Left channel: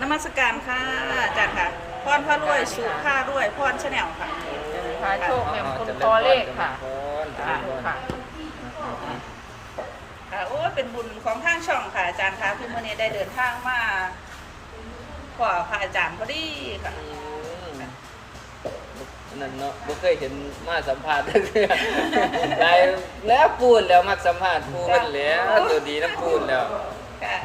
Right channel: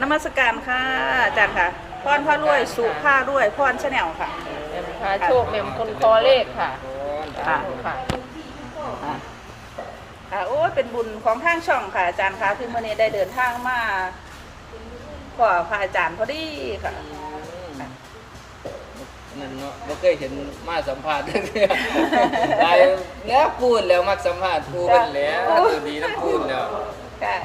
นมัสการค่ะอาจารย์ค่ะพรพระรวยสุผ้ารวยพรชาแนลค่ะพาโชคเป็นคนตัวเลขค่ะเจริญพรค่ะค่ะโอ้ยเป็นบุญของทางช่องค่ะอาจารย์ค่ะที่มื่อนี้ได้เดินทางมาขอพระอาจารย์พอดีค่ะอืมนั่นเนาะบ่เคยเห็นมาสัมภาษณ์เทื่อได้แล้วปูนแล้วมักสัมภาษณ์ปูเพิ่นแล้วตัวดีน้ำปูนแล้วค่ะ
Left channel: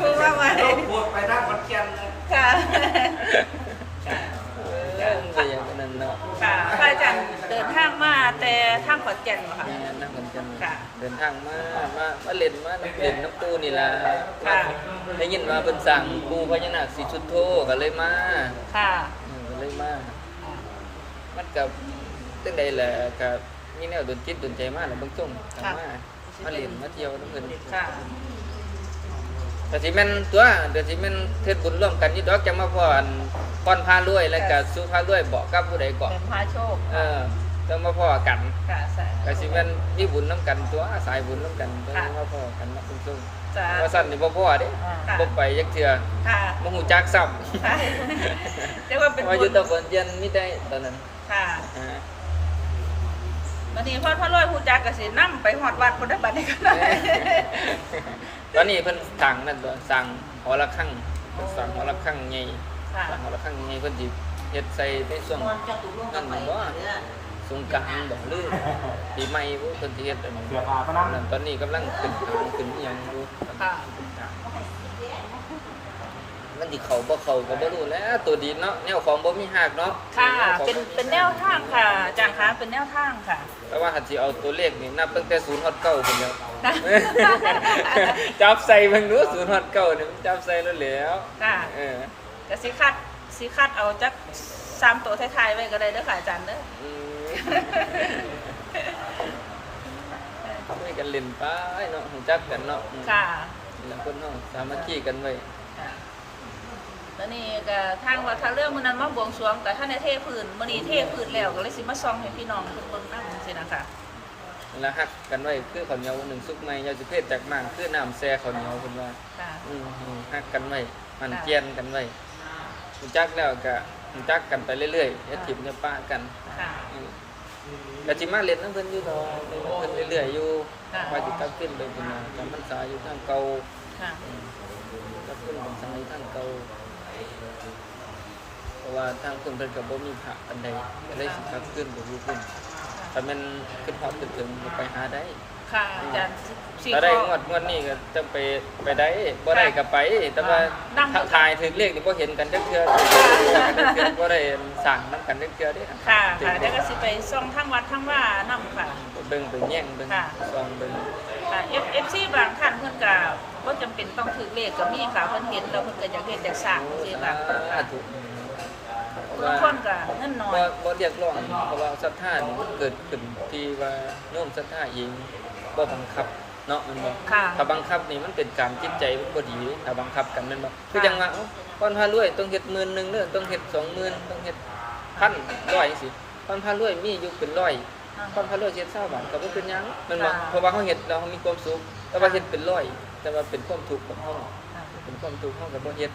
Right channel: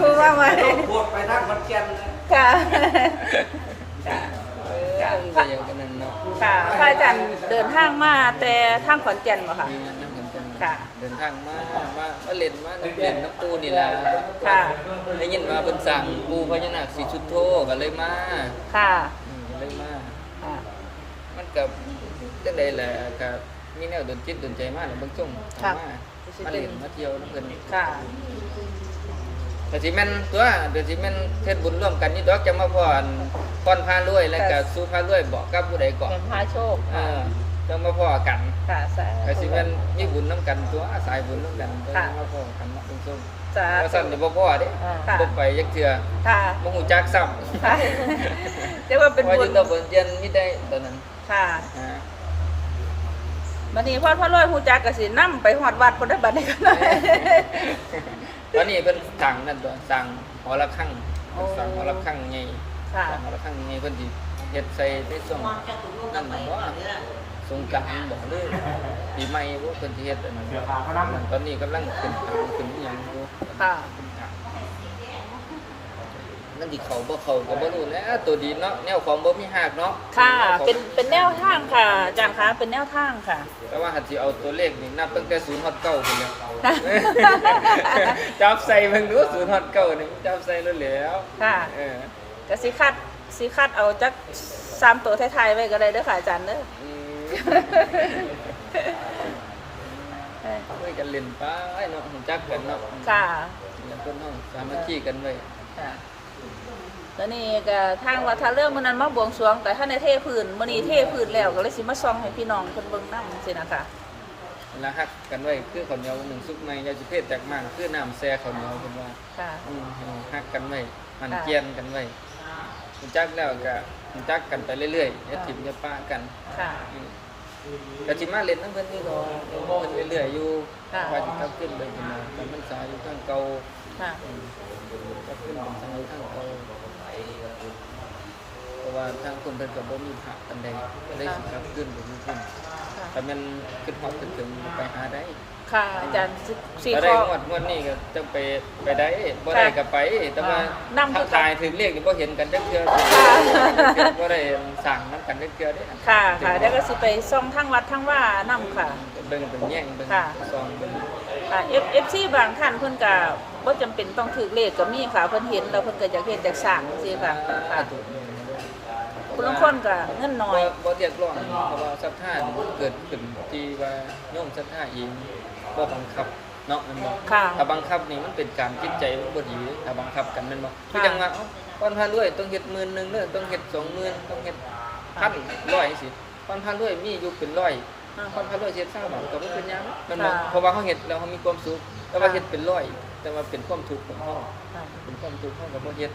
คือว่าไว้พูดไปนั่งคนเกียนค่ะเออมันก็อย่างนั้นเนาะค่ะพระอาจารย์เดินทางมาแต่ทางขอนแก่นเหรอคะนี่นั่งเหมือนกันค่ะเดินทางมามามาเล่นมาน้ำเล่นน้ำปูนี่ล่ะค่ะ ได้ยินว่าเพิ่นสั่งปูพญานาคสีชุดโทก็เลยมาค่ะอืมก็เลยมา อ่ามันกับจังใดแหละกับมีแนวดนจิตดนใจมากแหละเบางช่วงเข้ามามาเล่นมาเที่ยวน้ำเพิ่นค่ะ แต่สิแม่นตัวเดี๋ยวสิแม่นเทศบุญร่วมกันนี่ดอกจะมาพรพรพารวยแล้วก็สู้พารวยบอกกับผู้ใดเกาะเป็นพาโชคเออต้องมาพ้อกันค่ะสาก็สิแม่นมีบุญนํกันตัวสายบุญนํกันตัวค่ะมาพ้อกันเนาะเบางช่วงสาว่าสั่นนี่บ่พ้อเด้ค่ะบ่ไปจักเทื่อค่ะบ่ฮู้จักซ้ำค่ะเรียกว่าเป็นว่าอบุยู่ญตะบนเจียนมีได้ตอนนั้นค่ะ ฮะวันนี้พ่อพ่อรวยผู้จักกสินํไปหอดวัดคนได้บัดนี้กันตอนนี้เพิ่นสั่งนั่นตัวสั่งหอละครั้งโอ้เพิ่นสั่งหอละครั้งใหญ่ค่ะสั่งหอละครั้งใหญ่เพิ่นสิเฮ็ดใส่ในช่วง นั่นบ่ว่า สงกรานต์บ่หรือปีใหม่บ่เพิ่นสิเฮ็ดอันนั้นนั่นตอนนี้กำลังขึ้นทางขึ้นอีหยังอยู่ค่ะ ขึ้นทางนั่นสิเข้าบ่เข้าก็บ่รู้แหล้วตัวดีเนาะแนวของบ่มีหักเนาะค่ะ แวของเป็นบ่มีเป็นแนวทางค่ะอาจารย์คะเป็นแนวทางค่ะ แต่ว่าหัดสิเอาตัวเลขนี่นับตั้งแต่0ฮอด9พุ่นแล้ว จับใส่เบิ่งดู0ฮอด9นี่มันจับใส่แล้วแหล้วค่ะ เออก็สิคัดสิคัดเอาจักสามตัวท้ายๆไว้ก็ได้เด้อค่ะอาจารย์เด้ออืมช่วยกันเล่นไปเนาะหูจักกันเนาะอืมค่ะ แล้วคนเฮาสามัคคีกันไว้ค่ะ แล้วนี่ก็ทางวัดท่าเรื่องมื้อนั้นมาบวงสรวงแต่ท่านได้เทพื้นมื้อนี้เทพื้นแล้วก็เลยสิมาส่องให้พี่น้องเพิ่นเบิ่งนำจังซี่นะคะแล้วฮักกันไว้คือข้าวเหนียวหนึ่งสุกใหม่ยาสิเพศจากม่านคือน้ำแซ่ข้าวเหนียวเพิ่นว่าค่ะอืมให้ฮักกันไว้มันค่ะเจียนกันไว้หูจักแล้วก็หูจักกันไปเรื่อยๆอย่าถิ่มอย่าป้ากันค่ะอืมก็สิมาเล่นน้ำเพิ่นอยู่ดอกเล่นน้ำเพิ่นเรื่อยๆอยู่ค่ะว่าสิกลับขึ้นไปเป็นว่าจำพรรษาอยู่ทางเก่าค่ะอืมกลับขึ้นพรรษาอยู่ทางเก่าเพ ราะว่าทางคนเพิ่นก็บ่มีพระปานใดก็เลยสิกลับขึ้นไปอยู่พุ่นถ้าแม่นขึ้นฮอดขึ้นถึงก็ไปหาได้ค่ะอาจารย์สิสิถ้าได้ขงวดงวดนี้ก็จังไปไปได้บ่ได้ก็ไป แต่ว่านำถ้าถ่ายถึงเลขนี่บ่เห็นกันจักเทื่อบ่กันจักเทื่อบ่ได้สั่งนํกันจักเทื่อเด้ค่ะถึงค่ะเลแล้วขก็สิไปส่องทางวัดทางว่านํค่ะ ไปเบิ่งไปแย่งเบิ่งค่ะ ซองเบิ่งค่ะ F FC บางท่านเพิ่นก็บ่จำเป็นต้องถือเลขก็มีค่ะเพิ่นเห็นแล้วเพิ่นก็อยากเฮ็ดอยากสร้างโอ้จังซี่สาค่ะธุเพราะ บางว่าคนก็เงินน้อบ่ยบ่เรียกร้องเพราะว่าศรัทธานี่มันเกิดขึ้นที่ว่าโยมศรัทธาเองบ่บังคับเนาะแมันบ่ค่ะ ถ้าบังคับนี่มันเป็นการจิตใจมันบ่ดีถ้าบังคับกันแม่นบ่คือจังว่าเอ้าก่อนพารวยต้องเฮ็ดหมื่นหนึงเด้อต้องเฮ็ด20,000ต้องเฮ็ดพันร้อยสิก่อนพารวยมีอยู่เป็นร้อยก่อนพารวยเฮ็ด20บาทก็บ่เป็นหยังแมันบ่เพราะว่าเฮาเฮ็ดแล้วเฮามีความสุขแต่ว่าเฮ็ดเป็นร้อย แต่ว่าเป็นความทุกข์ของเฮาเป็นความทุกข์เฮาก็บ่เฮ็ด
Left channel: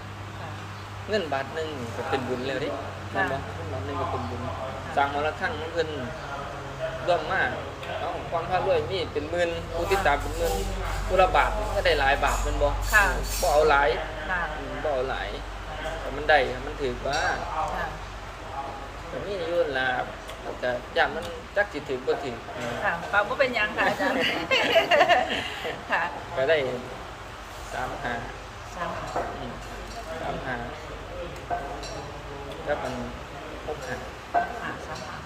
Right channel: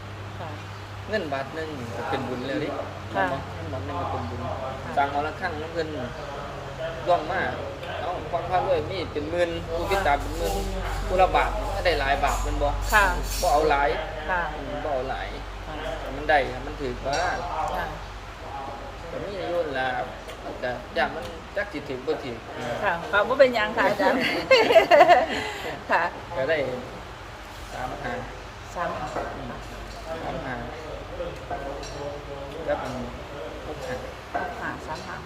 เงินบาทหนึงนี่ก็เป็นบุญแล้วเดิแม่นบ่เงินบาทหนึงก็เป็นบุญสร้างหอละครั้งของเพิ่นร่วมมาเอ้าความพารวยมีเป็นหมื่นผู้ติดตามเป็นหมื่นผู้ละบาทนี่ก็ได้หลายบาทแม่นบ่ค่ะบ่เอาหลายค่ะอืมบ่เอาหลายแต่มันได้ถ้ามันถือว่าค่ะก็มีอยู่นั่นล่ะมันก็ย่านมันจักสิถึงบ่ถึงอืมค่ะค่ะบ่เป็นหยังค่ะอาจารย์ค่ะก็ได้3 5สามอืม3 5 กับมัน6 5หาสามหา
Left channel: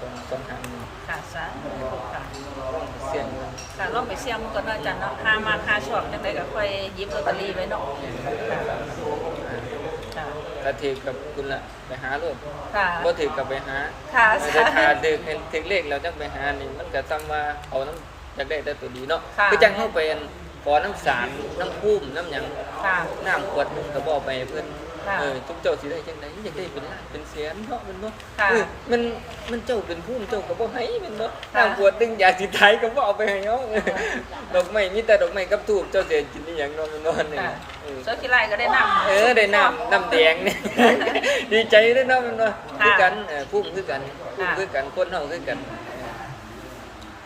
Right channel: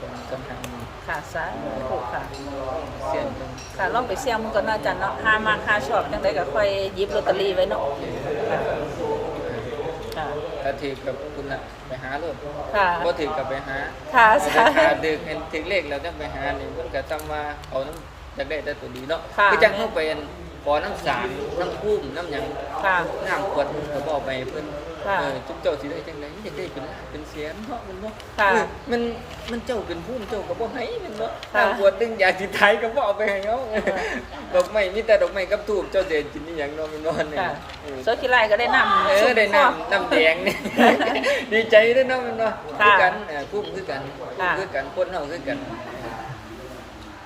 สองสองหางนี่ค่ะสามถูกค่ะเสียงมันค่ะลองไปเสี่ยงมันก่อนนะอาจารย์เนาะหามาหาชอบจังไดก็ค่อยหยิบลอตเตอรี่ไว้เนาะค่ะถ้าถือกับคุณละไปหาโลดค่ะ บ่ถือกับไปหาค่ะแต่ถ้าดึกให้ถึงเลขแล้วจังไปหานี่มันก็ซ้ำว่าเอาน้ำอยากได้แต่ตัวดีเนาะค่ะ คือจังเฮาไปอันขอน้ำสารน้ำพุ่มน้ำหยังค่ะ น้ำขวดหนึงก็บ่เอาไปให้เพิ่นคค่ะ เออทุกเจ้าสิได้จังไดอยากได้เป็นล้านเป็นแสนเนาะแมันบ่ค่ะเออมันมันเจ้าเป็นผู้เจ้าก็บ่ให้แมันบ่ค่ะนางบวชดึงอยากสิไทยก็บ่เอาไปให้เฮาเออดอกไม้มีแต่ดอกไม้กับทูบเจ้าสิให้กินอีหยังเนาะแมันนอนนี่ค่ะเออโซกิไลก็ได้นำเออได้น้ำน้ำแดงนี่ดีใจด้วยเนาะแมันบ่ค่ะคือกันเออพุ่มคือกันพุ่มค่ะคือกันคนเฮาคือกันเออ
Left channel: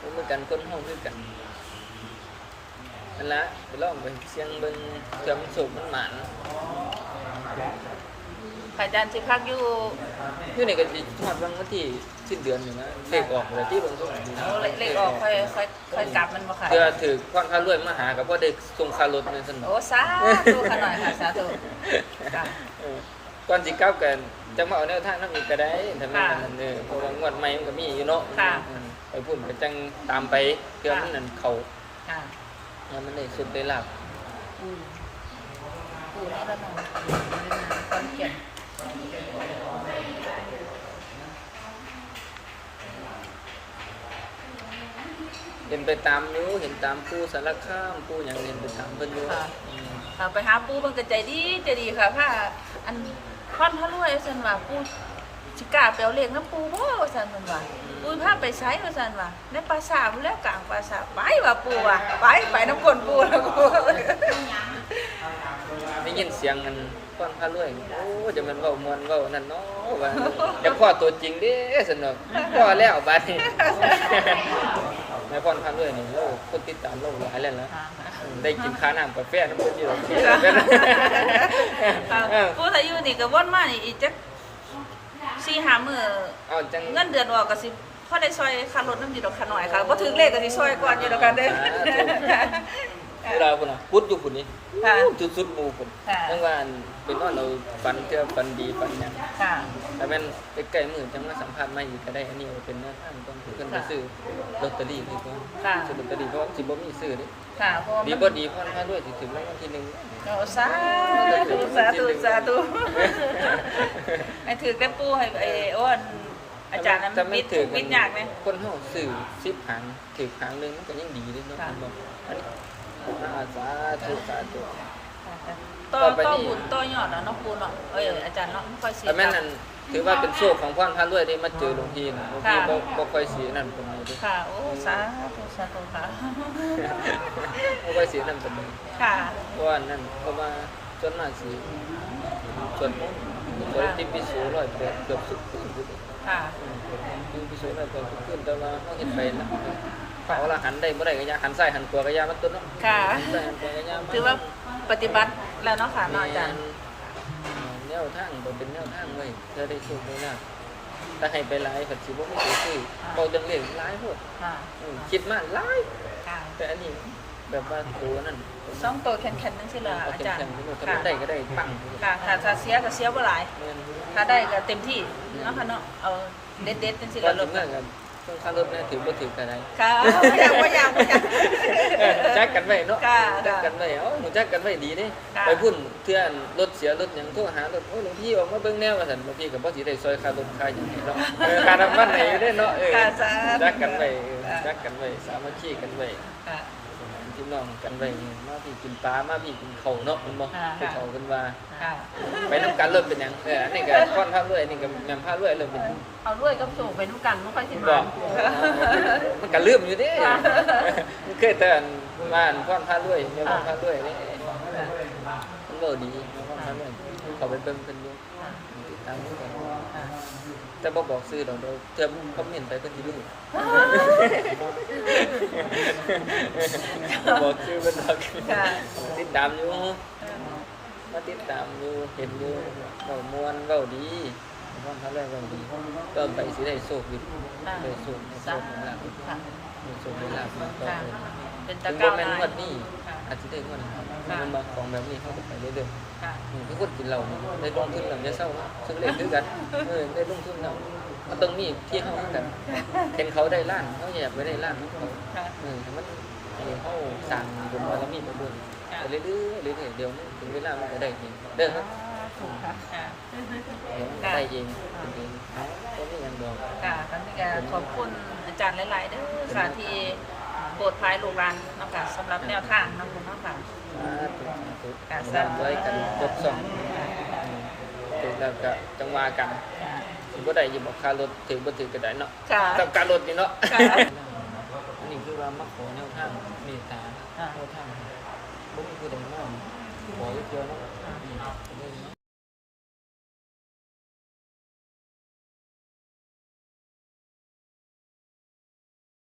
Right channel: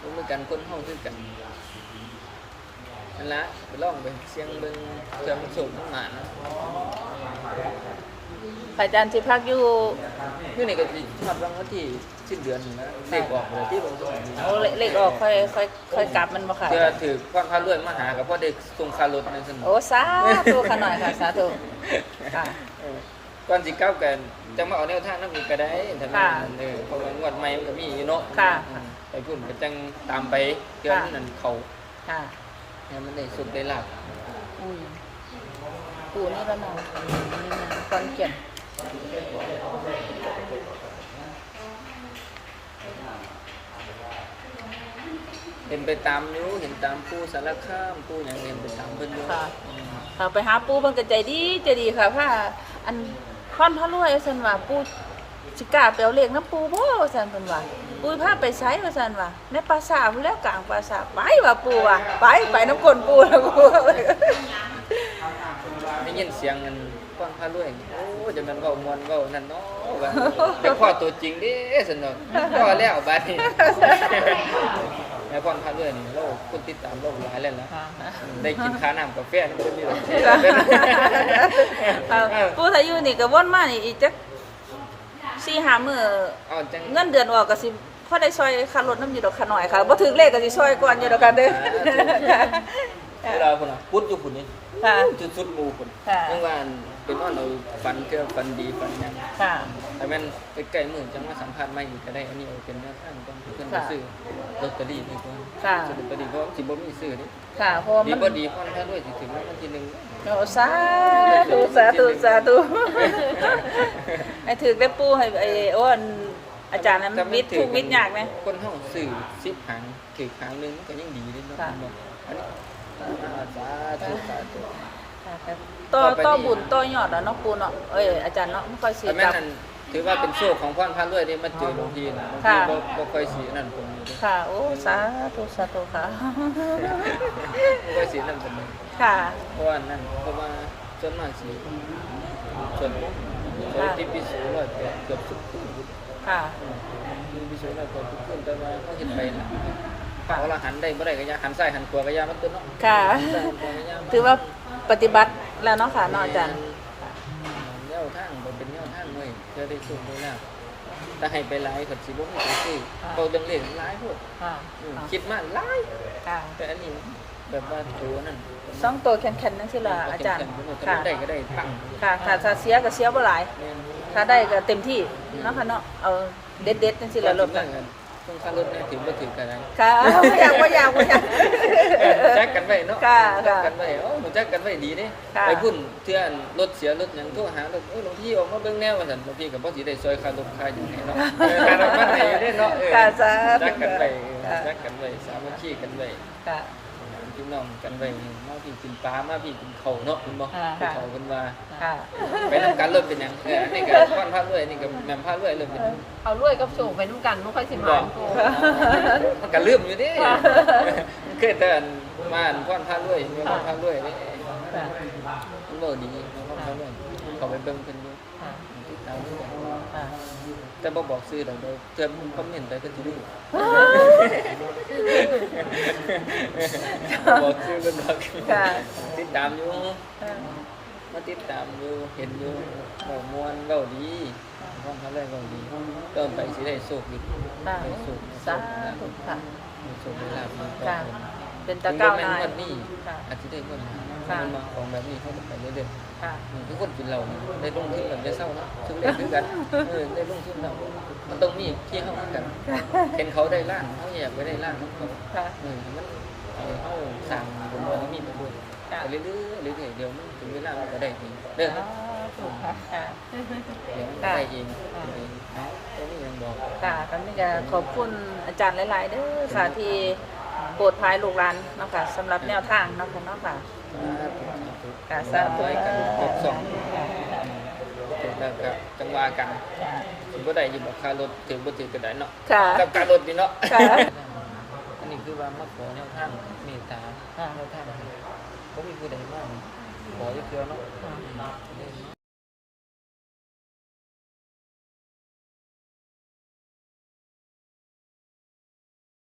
พุ่มคือกันคนเฮาคือกันนั่นละไปลองไปเสียงเบิ่งเทื่อมันสุกมันหมานอาจารย์สิพักอยู่อยู่นี่ก็สิฮอดวันที่สิ้นเดือนนี่นะเลขออกแล้วที่เบิ่งช่วงนี้นะโอ้เลเลขออกค่อยค่อยค่อยกลับมันบ่ค่ะเทื่อถือพรพารวยมาหาก็พอได้ส่งค่ารถนั่นซั่นโอ้สาธุขนาดค่ะสาธุค่ะเออก่อนสิกลับกันจังมาเอาแนวทางนำอีกก็ได้ถ้ามันค่ะนั่นเออเพราะว่างวดใหม่มันก็มีอยู่เนาะค่ะเออไปพุ่นก็จังตามไปเพื่อมันนั่นเข้าค่ะเนี่ยมันได้สุดได้ลาบ อืมปูนี่ละมองความเขียน เห็นไปตามอยู่เห็นตามผู้สารคามผู้หยังเห็นไปตามเพิ่นอยู่อืมเอาไปหาปูเพิ่นก็ใจดีใจดีค่ะผ้าอันค่อนเท่ารวยซั่นว่าปูสิกล้าไปเอาเลขน้ำปูบ่ซั่นเพิ่นว่าปูพาไปไสว่าซั่นว่าในปราสาทพุ่นแล้วกลางปราสาทไปว่าปูว่าไปไปน้ำกลนปูแล้วปูได้ ยินเสียงกันพรพารวยโอ้จะแม่นเว้ามวนเว้านั่นเนาะว่าอยากพ่อตัวจริงเด้ซั่นเนาะพ่อแล้วบัดนี้แม่พรพารวยนี่เราคนติดตามเราหลายแล้วล่ะอืมได้กินค่าน้ำกาแฟน้ำเพิ่นอยู่ดอกที่แล้วเป็นเอาปูถ้าอยู่นี่ก็วนมานี่อีกจัก4-5มื้อเอาจังเงินเดือนออกก็สิพอได้ซอยค่ารถน้ำอยู่ดอกขาน้อยค่ะบ่ถึงเลขก็สิซอยกว่าอยู่ดอกกันเด้อ เวลาพุ่นน่ะพุดอยู่พุ่นนี่ค่ะจุดสุดหมู่พุ่นค่ะจังว่าอันเป็นนอนเอาฟันเทื่อฟันดีฟันหยังค่ะถ้าแม่นใกล้ๆมื้อจังมาสัมภาษณ์ใหม่อีกก็ได้อันนี้เอาเป็นแนวทางก่อนเพิ่นไปซื้อลอตเตอรี่เลยก่อนค่ะซื้อลอตเตอรี่เพราะว่าสิบ่มีซื้อนี่ค่ะเพราะว่าดีมันบ่ดีพรพาด้วยสิถึงรางวัลที่หนึ่งโอ้สาธุสาธุสาธุให้ถือได้ปูให้ไอ้โอ้อันอาจารย์นั้นถ้ามินดถูกมิดยากไหมคนเฮาซื้อ10หางถือหางหนึงมันก็ยังดีเด้เนาะค่ะ มันบอกอันนี้ อ่าสาธุสาธุ ต่อต่อไปต่อนี่ บุญต่อยอดแล้วเนาะปูเนาะเอ้ยอาจารย์เนาะไม่ค่อยสิ แต่แม่นนั่นถือว่าเป็นโชคของพ่อนพระรวยได้มาเจอหลวงพี่น่ะหลวงพี่บ่บ่ค่อยสีนั่นเป็นไงเด้อค่ะ โอ้สาธุสาธุค่ะ บ่ค่อยสีนั่นเป็นไงค่ะเพราะว่านั่นเพราะว่าส่วนมากสิส่วนมนต์บริติปิโสร้อยแปดเกือบสุดคืนพุ่นค่ะ อืมติปิโสร้อยแปดสุดคืนแต่ว่าเฮาเฮ็ดไปน่ะ เขาเอาละหันได้บ่ได้ก็อย่าหันซ้ายหันขวาก็อย่ามันตัวเนาะค่ะ หันซ้ายหันขวาก็อย่ามันถือว่าปฏิบัติแล้วเนาะค่ะเนาะอาจารแม่นย์แนวทางบ่เป็นแนวทางเว้ยเพื่อได้สุขได้ลาภถ้าให้ไปหลายก็สิบ่มีตัวซื้อเว้าเรื่องเลขหลายพวกค่ะอืมคิดมาหลายค่ะแต่อันนี้แบบว่าตัวนั่นตัวสองตัวแข็งๆนั่นสิล่ะเอาอาเข้มจารย์แข็งคนนี้ถ้ามันได้ก็ได้ปังค่ะค่ะถ้าเสียก็เสียบ่หลายแม่นถ้าได้ก็เต็มที่เนาะค่ะเนาะเอาเด็ดๆจังซี่ก่อล่ะนรสิถเมื่อกัน ช่วงข้ารถแน่ถือบ่ถือก็ได้ค่ะบ่อาบ่อยากบ่อยากเออจักกันไว้เนาะค่ะจักกันไว้เอ้าหนูจักกันไว้ดีเด้ค่ะ ไปพุ่นเทื่อนรถเสียรถหยังโทรหารถโอ้ยหลวงพี่ออกมาเบิ่งแนวว่าซั่นหลวงพี่ก็บ่สิได้ซอยค่ารถค่าหยังให้เนาะเออค่าน้ำมันให้อยู่เด้เนาะเออค่ะสาธุจักกันไว้เออค่ะจักกันไว้สามัคคีกันไว้ ค่ะ พี่น้องกันไว้มาพี่กินปลามาพี่กินข้าวเนาะแม่นบ่ค่ะผู้เฒ่าเพิ่นว่าค่ะไปนํกันเริ่มเป็นหยังเอออันนี้ก็พรพาด้วยอันนี้ก็แม่มพาด้วยเริ่มเป็นหยังเอารวยกับสูงไปนุ่งกันไม่ค่อยสิบมาอกมันก็ลืมอยู่เดิมันเคยแต่อันบ้านพ่อนพาด้วยเมียพ่อนพาด้วยนี่มันบ่ดีเมียพ่อนพาด้วยเขาไปเบิ่งเพิ่นอยู่ติดตามเพิ่นกัน แต่บ่บอกซื้อดอกเดี๋ยวเติมคอมเมนต์ไปเพิ่นสิรู้บ่บอกซื้อเพิ่นดอกค่ะติดตามอยู่มาติดตามอยู่เห็นอยู่เว้าม่วนเว้าดีพ่อนพาด้วยเว้าดีต่อไปสิได้โชคอยู่ค่ะได้โชคได้โชสาคธุได้ลาภค่ะได้โชคได้ลาภมาต่อไปนะ เป็นตะถึงกร้าบ่แม่นงวดนี้ค่ะอาจสิได้งวดหน้าค่ะมันมาของแบบนี้เขาก็ไปเรื่อยค่ะๆนี่คือคนกินเหล้านี่ได้ลงทุนแล้วจะเศร้าเนาะซื้อเลขคือกันเออได้ลงทุนแล้วมันต้องมีที่เฮาคือกันเห็นเขาได้ล้านเขาอยากไปได้ล้านของเขาค่ะ เออให้มันให้เฮาสร้างบุญบารมีไปด้วยค่ะ ไปเรื่อยๆเรื่อยๆเดี๋ยวมันถึงเวลามันก็ได้เองเด้อครับอืมค่ะ เดี๋ยวมันก็ได้เองเป็นเองเอ้าก็มีหยังดอก ค่ะกันนี้ก็ขอบคุณอาจารย์หลาย ๆเด้อค่ะที่ โปรดพายลูกหลานเนาะคะสำหรับแนวทางเนาะคุณเนาะค่ะ สาธุสาธุค่ะให้ร่ำรวยกันยกซ่องอืมถึงแล้วก็จังว่ากันสิบ่ได้อยู่บ่ค่ารถถึงบ่ถึงก็ได้เนาะค่ะ กับการรถนี่เนาะ ค่ะ อันนี้คือว่ามาขอแนวทางเมตตาแนวทางบ่มีผู้ใดมาขออยู่เดียวเนาะ